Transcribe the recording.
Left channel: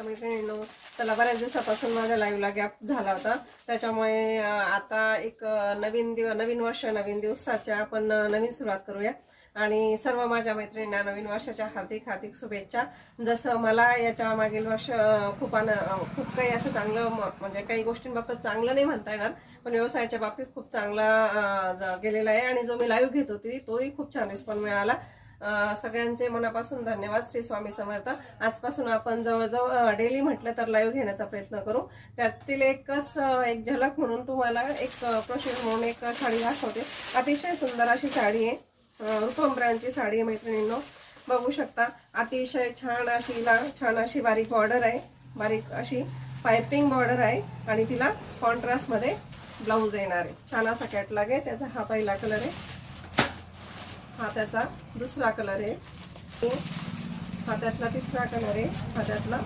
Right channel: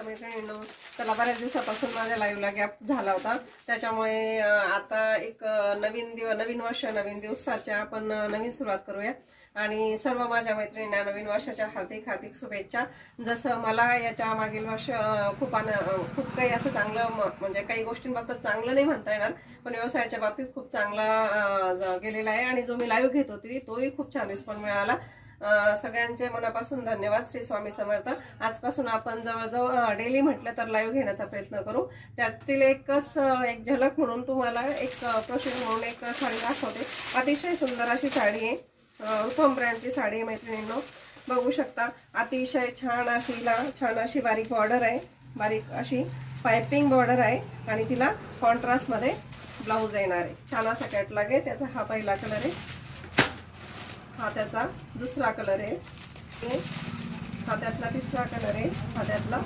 नमस्कार मैत्रिणींनो. चला, बऱ्याच दिवसापासून माझ्या लाईव्हला गॅप झाला होता, त्याच्यामुळे आता एक नवीन वर्ष नवीन दिवसाच्या आपण नवीन सुरुवात करूया. आणि सर्व माझ्या मैत्रिणींना नवीन वर्षाच्या हार्दिक हार्दिक शुभेच्छा. जसं मला याच्या मागील वर्ष खूप काही असं चांगलं, म्हणजे काही गोष्टींबाबतीत चांगलं नाही म्हणता येणार, पण व्यवसायाच्या बाबतीत खूप चांगला गेलेला आहे. आणि जो मी लाईव्ह घेत होती तोही खूप छान रिस्पॉन्स मिळाला. सगळ्यांचे मनापासून धन्यवाद. श्री स्वामी समर्थ. आजपासून आपण जवळजवळ डेली म्हटलं तर लाईव्ह घेण्याचा प्रयत्न करू. त्यातील एक झलक म्हणून तुम्हाला एक प्रोसेस म्हणून एक साडी दाखवते. अतिशय सुंदर अशी साडी आहे, रुपम ब्रँडची साडी आहे मैत्रिणींनो. बघू शकता, अतिशय छान अशी बारीक बॉर्डर आहे, बारीक अशी पायपिंग बॉर्डर आहे आणि तिला कॉन्ट्रास्ट मध्ये ब्लाऊज येणार आहे. छान असा कॅटलॉग आहे. त्याचा हा पहिला कलर आहे, हा त्याचा दुसरा कलर आहे, हा त्यातला तिसरा कलर आहे, हा त्यातला